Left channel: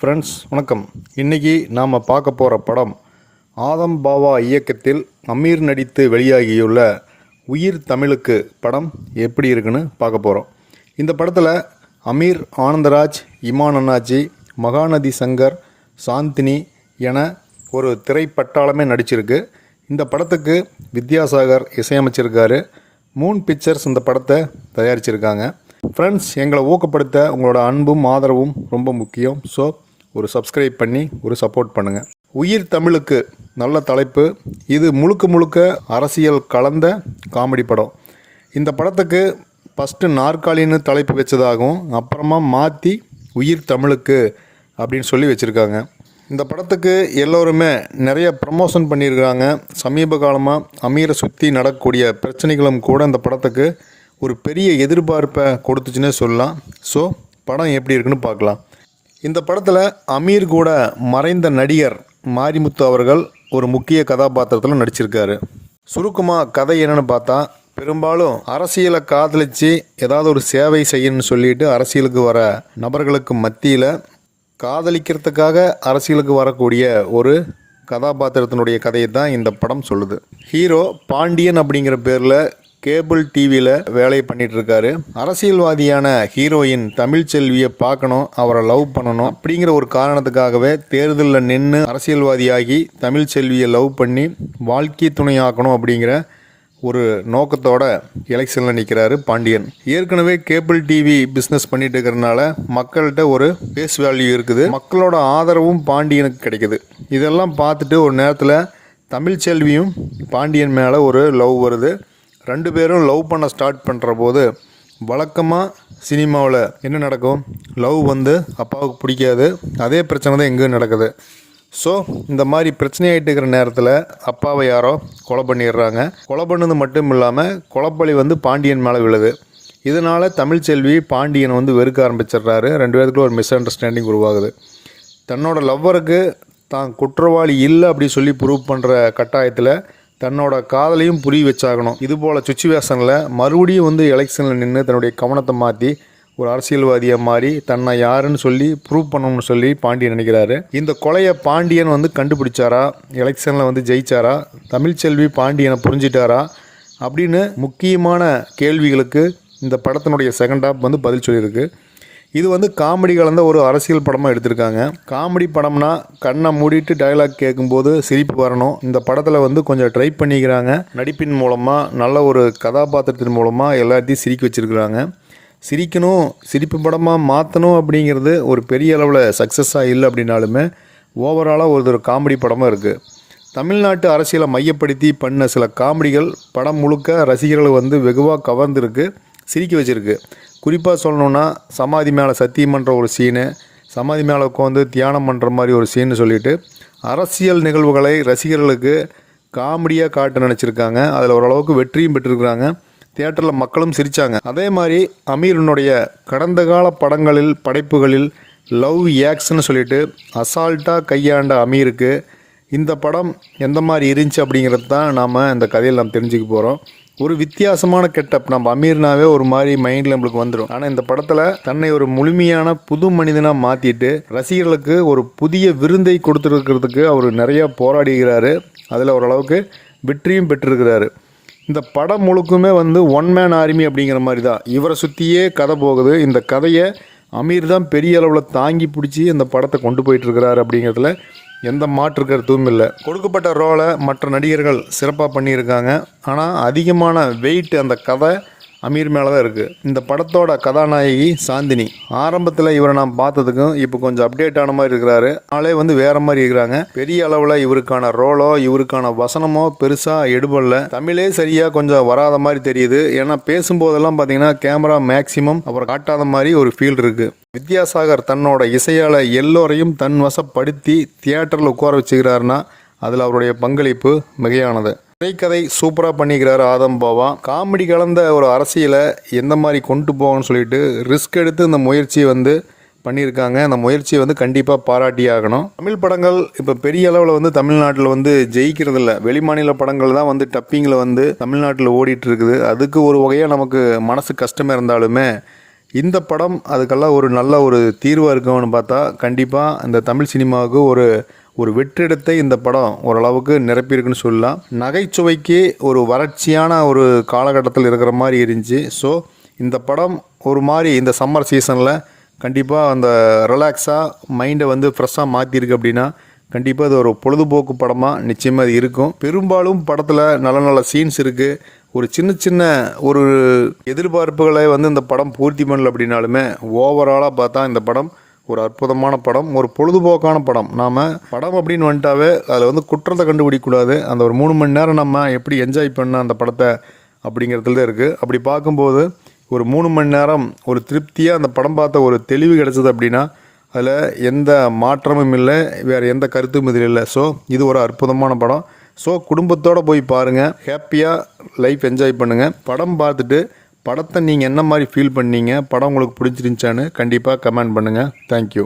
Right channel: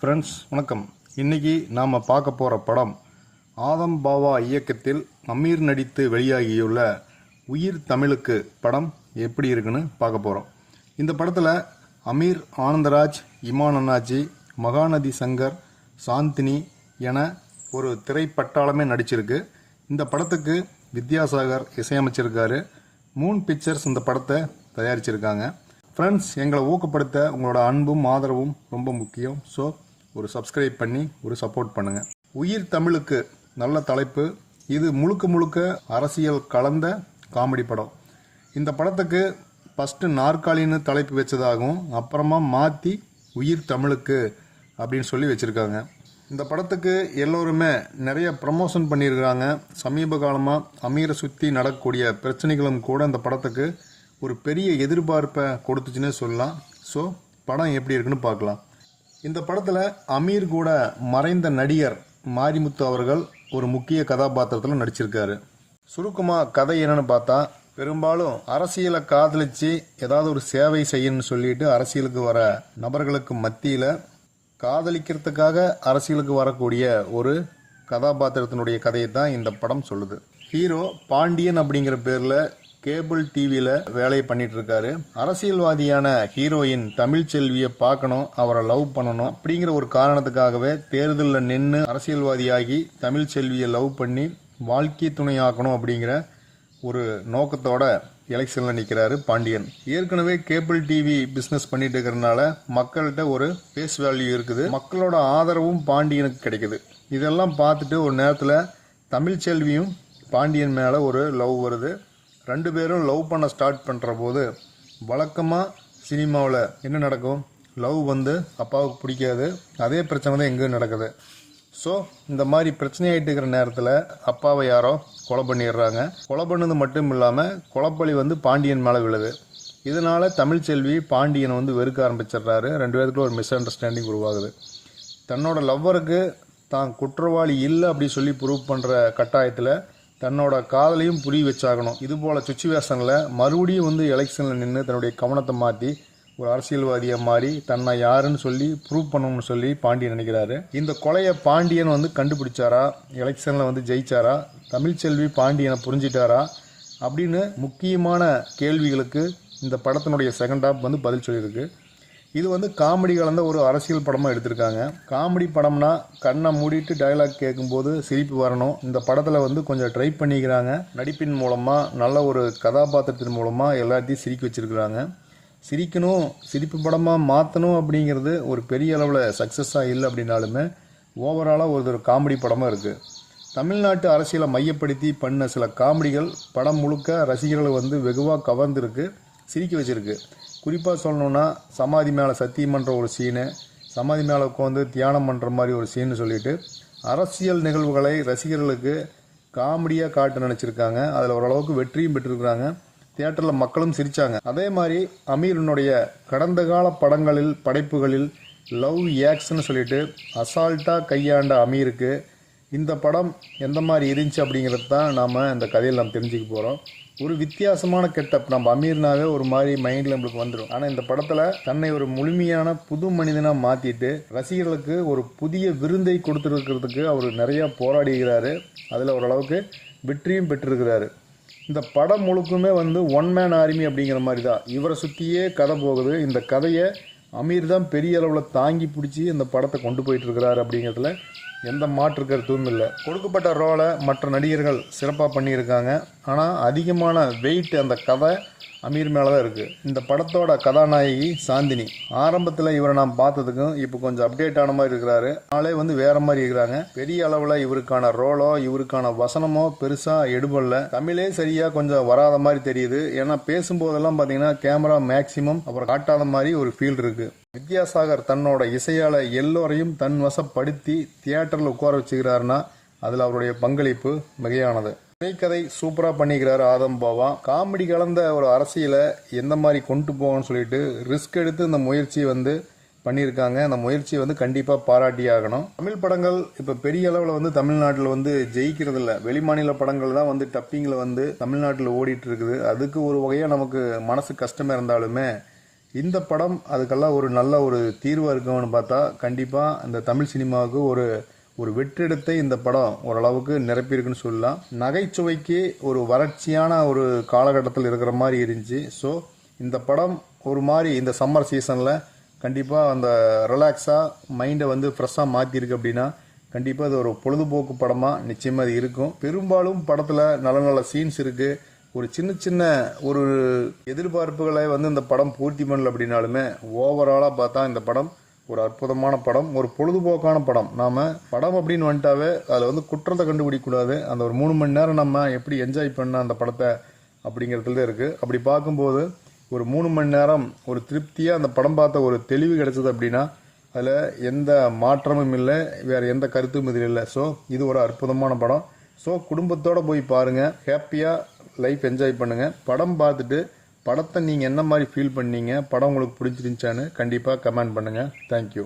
Friends வணக்கம். இன்றைக்கி நாம் பார்க்க போகிற படம் ஆதம் பாவா இயக்கத்தில் அமீர் நடித்து வெளியாகியுள்ள உயிர் தமிழுக்கு படம் எப்படி இருக்குன்னு பார்க்க போகிறோம். இந்த படத்தில் அமீர், ஆனந்தராஜ், இமான் அண்ணாச்சி, மகாநதி சங்கர், சாந்தினி என ஒரு திரைப்பட்டாளமே நடிச்சிருக்கு. இந்த படத்துக்கு வித்யாசாகர் இசையமைச்சிருக்காரு. மூன் பிக்சர்ஸ் இந்த படத்தை தயாரிச்சிருக்காங்க. ஃப்ரெண்ட்ஸ், எங்களை ஊக்கப்படுத்த உங்களோட அன்பும் ஆதரவும் ரொம்ப முக்கியம். ஸோ ஒரு சப்ஸ்கிரைப் பண்ணி ஒரு சப்போர்ட் பண்ணுங்கள். உயிர் தமிழுக்கு நல்ல தலைப்பு. இது முழுக்க அரசியல் கலந்த காமெடி படம். இந்த படத்துக்கு ஃபஸ்ட்டு நாற்காலின்னு தலைப்பு வச்சதாகவும் அப்புறமா மாற்றி உயிர் தமிழுக்கு அப்படின்னு சொல்லி வச்சுருக்காங்க. இந்த படத்துக்கு எல்லோருமே நிறைய ப்ரமோஷன் பண்ணியிருக்கிறாங்க. சமீப காலமாக அமீரை சுற்றி நடக்கக்கூடிய பிரச்சனைகளும் கூட இந்த படத்துக்கு ஒரு பெரிய எதிர்பார்ப்பை கொடுத்துச்சுன்னே சொல்லலாம். ஸோ படம் எப்படி இருக்குன்னு பார்க்கலாம். இந்த படத்தில் அமீர் கூட மறைந்த நடிகர் மாரிமுத்து அவர்கள் ஒரு முக்கிய கதாபாத்திரத்தில் நடிச்சிருக்காரு. சுருக்கமாக கதை என்னென்னு பார்த்தா, பெரும்பாலும் அரசியலை காதலித்து ஏதாவது ஒரு சேவை செய்யணும்னு சொல்லிட்டு அரசியலுக்கு வர நபர்களுக்கு மத்தியில் காதலிக்கிறதுக்காக அரசியலுக்கு வரக்கூடிய ஒரு கதாபாத்திரத்தினுடைய கதையை தான் இந்த படம் சொல்லுது. ஹீரோ பாண்டியன் அப்படிங்கிற பேரில் கேபிள் டிவியில் வேலையை பண்ணிகிட்ருக்காரு. அரசியல்வாதியான ஹீரோயின் தமிழ்ச்செல்வியை பார்க்கணும், அவரை லவ் பண்ணணும் அப்படிங்கிற ஒரு காரணத்துக்காகவே தேர்தலில் நின்று அரசியல்வாதியாகி தமிழ்ச்செல்வியை லவ் பண்ணி வாழ்க்கை துணையாக்கணும் அப்படிங்கிற ஒரு நோக்கத்தோட எலெக்ஷனில் நிற்கிறாரு பாண்டியன். ஏற்கனவே கேபிள் டிவி பிஸ்னஸ் பண்ணிட்டு இருக்கிறதுனால மக்கள்கிட்ட ஒரு ஃபேஸ் வேல்யூ இருக்குது. மக்களோட ஆதரவும் பாண்டியனுக்கு கிடைக்குது. இதெல்லாம் பார்த்துட்டு ஒரு நேரத்தில் தமிழ்ச்செல்வியும் பாண்டியன் மேலே ஒரு லவ் வருது. ரெண்டு பேரும் லவ் பண்ண ஸ்டார்ட் பண்ணுற போது வழக்கமாக சினிமாவில் என்ன நடக்கும், லவ் அப்பாவுக்கு பிடிக்காது, அதே பிரச்சனை தான் எங்கேயும் நடக்குது. ஸோ இந்த மாதிரி பிரச்சனையாகிட்டு இருக்கிற நேரத்தில் அப்பாவை யாரோ கொலை பண்ணிடுறாங்க. கொலை பண்ணது மட்டும் இல்லாமல் கொலைப்பழி பாண்டியன் மேலே விழுது. இதனால் தமிழ்ச்செல்வி பாண்டியன் வெறுக்க ஆரம்பிச்சிடுறாரு. ரெண்டு பேருக்குள்ள ஒரு மிஸ் அண்டர்ஸ்டாண்டிங் உருவாகுது. தன்னோட லவ்வருக்கு தான் குற்றவாளி இல்லை அப்படி சொல்லி ப்ரூவ் பண்ணுற கட்டாயத்தில் தன்னோட காதலையும் புரிய வச்சாகணும். இது போல் சுச்சுவேஷனில் மறுபடியும் எலெக்ஷனில் நின்று தன்னுடைய கவனத்தை மாற்றி ஒரு அரசியல்வாதியாக மாறி தன்னை யாருன்னு சொல்லி ப்ரூவ் பண்ணணும்னு சொல்லி பாண்டியன் நினைக்கிறாரு. இந்த கொலையை பாண்டியன் கண்டுபிடிச்சாரா, எலெக்ஷனில் ஜெயிச்சாரா, தமிழ்ச்செல்வி பாண்டியனை புரிஞ்சிட்டாரா அப்படின்னு முக்கியமான கேள்விகளுக்கு இந்த படத்தினுடைய செகண்ட் ஹாஃப் பதில் சொல்லியிருக்கு. இது காமெடி கலந்த ஒரு அரசியல் படமாக எடுத்திருக்காங்க. காமெடி படம்னா கண்ணை மூடிட்டு டயலாக் கேட்கும்போது சிரிப்பு வரணும். இந்த படத்தில் கொஞ்சம் ட்ரை பண்ணிக்கிறாங்க. நடிப்பின் மூலமாக, நல்ல ஒரு கதாபாத்திரத்தின் மூலமாக எல்லாத்தையும் சிரிக்க வச்சுருக்குறாங்க. சிரிக்கணும், சிரிப்பு படமாக மாற்றணும் அப்படிங்கிறது ஒரு பெரிய அளவில் சக்ஸஸாக இல்லை அப்படின்னாலுமே ஓவராலாக ஒரு காமெடி படமாக இருக்குது. தமிழ்நாட்டு அரசியலை மையப்படுத்தி பண்ண சில காமெடிகள் படம் முழுக்க ரசிகர்களை வெகுவாக கவர்ந்துருக்கு, சிரிக்க வச்சுருக்கு. குறிப்பாக சொல்லணுன்னா சமாதி மேலே சத்தியம் பண்ணுற ஒரு சீனு, சமாதி மேலே உட்காந்து தியானம் பண்ணுற மாதிரி ஒரு சீன்னு சொல்லிட்டு அரசியல் நிகழ்வுகளை ரசிகர்களுக்கு காமெடியாக காட்ட நினச்சிருக்காங்க. அதில் ஓரளவுக்கு வெற்றியும் பெற்றிருக்கிறாங்க. தியேட்டரில் மக்களும் சிரித்தாங்க. அதே மாதிரி அமீரனுடைய கடந்த கால படைப்புகளில் லவ் ஆக்ஷன்னு சொல்லிட்டு அசால்ட்டாக கையாண்ட அமீருக்கு இந்த படம் எந்த மாதிரி இருந்துச்சு அப்படிங்கிறது தான் நாம் இந்த கதையில் நாம் தெரிஞ்சுக்க போகிறோம். ஒரு வித்தியாசமான கெட்டப் நம்ம அமீர்னாவே ஒரு மாதிரி மைண்டில் நம்மளுக்கு வந்துடும். ஆனால் இந்த படத்தில் தன்னை ஒரு முழுமையான புது மனிதனாக மாற்றிட்டு ரசிகர்களுக்கு ஒரு புதிய விருந்தை கொடுத்துருக்கிறதுக்கு அவர் நிறையா போராடுகிறாரு. அதில் ஓரளவுக்கு வெற்றியும் பெற்றிருக்கிறாரு. இந்த படம் முழுக்குமே ஒன் மேன் ஆர்மி அப்படிங்கிற மாதிரி தான் இவரை சுற்றியே கதை போகுது. இந்த கதையை அமீர் தான் பெரிய அளவில் தாங்கி பிடிச்சி இந்த படத்தை கொண்டு போயிட்டுருக்கிறாரு அப்படிங்கிறதுல எந்த மாற்று கருத்தும் இல்லை. கொடுக்கப்பட்ட ரோலை மற்ற நடிகர்கள் சிறப்பாக பண்ணியிருக்காங்க. ஆனால் அதிகமான வெயிட் அந்த கதை அமீர் மேலே தான் இருக்குது. இந்த படத்தோட கதாநாயகி சாந்தினி. ஆரம்பத்தில் இவரை நான் பார்த்ததுக்கும் இப்போ கொஞ்சம் அப்டேட் ஆன மாதிரி இருக்கிறாரு. ஆளே வேறு மாதிரி இருக்கிறாங்க. பெரிய அளவில் இவருக்கான ரோலோ இவருக்கான வசனமோ பெருசாக எடுபடல. தமிழே சரியாக கொஞ்சம் வராத மாதிரி தெரியுது. ஏன்னா பேசும்போதெல்லாம் பார்த்தீங்கன்னா கேமரா மேக்சிமம் அப்புறம் காட்டாத மாதிரி ஒரு ஃபீல் இருக்குது. வித்யாசாகர் தன்னோட இசையால் எல்லோரையும் தன் வசப்படுத்தி தியேட்டரில் உட்கார வச்சுக்கிறாருன்னா அதில் அவருடைய பங்களிப்பு மிகையானது. திரைக்கதை சூப்பராக பண்ணிக்கிறாரு ஆதம் பாவா. காமெடி கலந்த ஒரு அரசியலை எந்த மாதிரி கொண்டு போகணும்னு சொல்லிட்டு ரிஸ்க் எடுத்து இந்த முயற்சியை பண்ணியிருக்காங்க. அந்த முயற்சியை கண்டிப்பாக பாராட்டியாகணும். தமிழ் படங்கள் இப்போ பெரிய அளவில் தமிழ்நாட்டில் ஜெயிக்கிறதில்ல. வெளிமாநில படங்கள் தான் டப்பிங்கில் தமிழ்நாட்டில் ஓடிட்டு இருக்குது. அதுக்கு ஒரு வகையாக நமக்கு மனசு கஷ்டமாக இருந்தாலுமே இந்த படம் அதுக்கெல்லாம் ஒரு நல்ல ஒரு தீர்வாக இருக்கும்னு பார்த்தா கண்டிப்பாக இந்த தமிழ் சினிமாவுக்கு ஒரு வெற்றிடத்தை இந்த படம் ஓரளவுக்கு நிரப்பியிருக்குன்னு சொல்லலாம். நகைச்சுவைக்கு ஒரு வறட்சியான ஒரு காலகட்டத்தில் இருக்கிற மாதிரி இருந்துச்சு. ஸோ இந்த படம் ஒரு மாதிரி இந்த சம்மர் சீசனில் கண்டிப்பாக அந்த ரிலாக்ஸாக மைண்டை வந்து ஃப்ரெஷ்ஷாக மாற்றிருக்கு அப்படின்னா கண்டிப்பாக அது ஒரு பொழுதுபோக்கு படமாக நிச்சயமாக அது இருக்கும். பெரும்பாலும் படத்தில் நல்ல நல்ல சீன்ஸ் இருக்குது. ஒரு சின்ன சின்ன ஒரு எதிர்பார்ப்புகளை வந்து இந்த படம் பூர்த்தி பண்ணல அப்படின்னாலுமே ஓவராலாக பார்த்தா இந்த படம் ஒரு அற்புதமான படம், ஒரு பொழுதுபோக்கான படம். நாம் படம் அப்படின்னு வந்துட்டாவே அதில் வந்து குற்றத்தை கண்டுபிடிக்கக்கூடாது. அந்த ஒரு 3 மணி நேரம் நம்ம எப்படி என்ஜாய் பண்ண அந்த படத்தை அப்படிங்கிறதுல தான் இருக்குது. அப்படி பார்க்கும்போது ஒரு 3 மணி நேரம் ஒரு திருப்தியாக அந்த படம் பார்த்த ஒரு தெளிவு கிடச்சிது அப்படின்னா அதில் எந்த மாற்றமும் இல்லை, வேறு எந்த கருத்தும் இதில் இல்லை. ஸோ இது ஒரு அற்புதமான படம். ஸோ குடும்பத்தோடு போய் பாருங்கள், ஹாப்பியாக லைஃப் என்ஜாய் பண்ணுங்கள். படம் பார்த்துட்டு படத்தை நீங்கள் என்ன மாதிரி ஃபீல் பண்ணீங்க, படம் உங்களுக்கு பிடிச்சிருந்துச்சான்னு கண்டிப்பாக கமெண்ட் பண்ணுங்கள். தேங்க்யூ.